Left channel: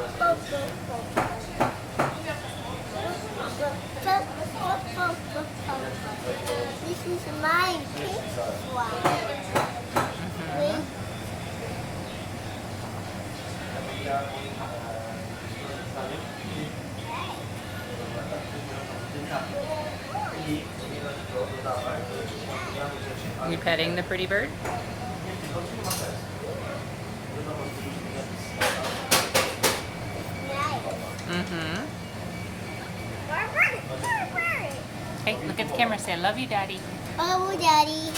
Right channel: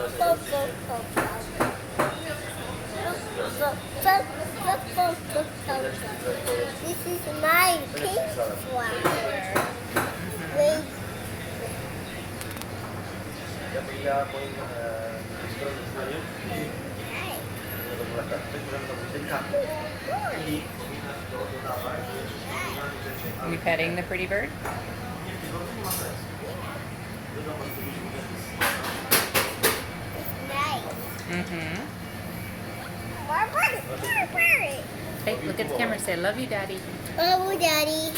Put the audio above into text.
This is my pink flower. Wait. You petting the pretty bird? Mm-hmm. Hey, look at the camera. Say, I love you, Daddy. Oh, Daddy.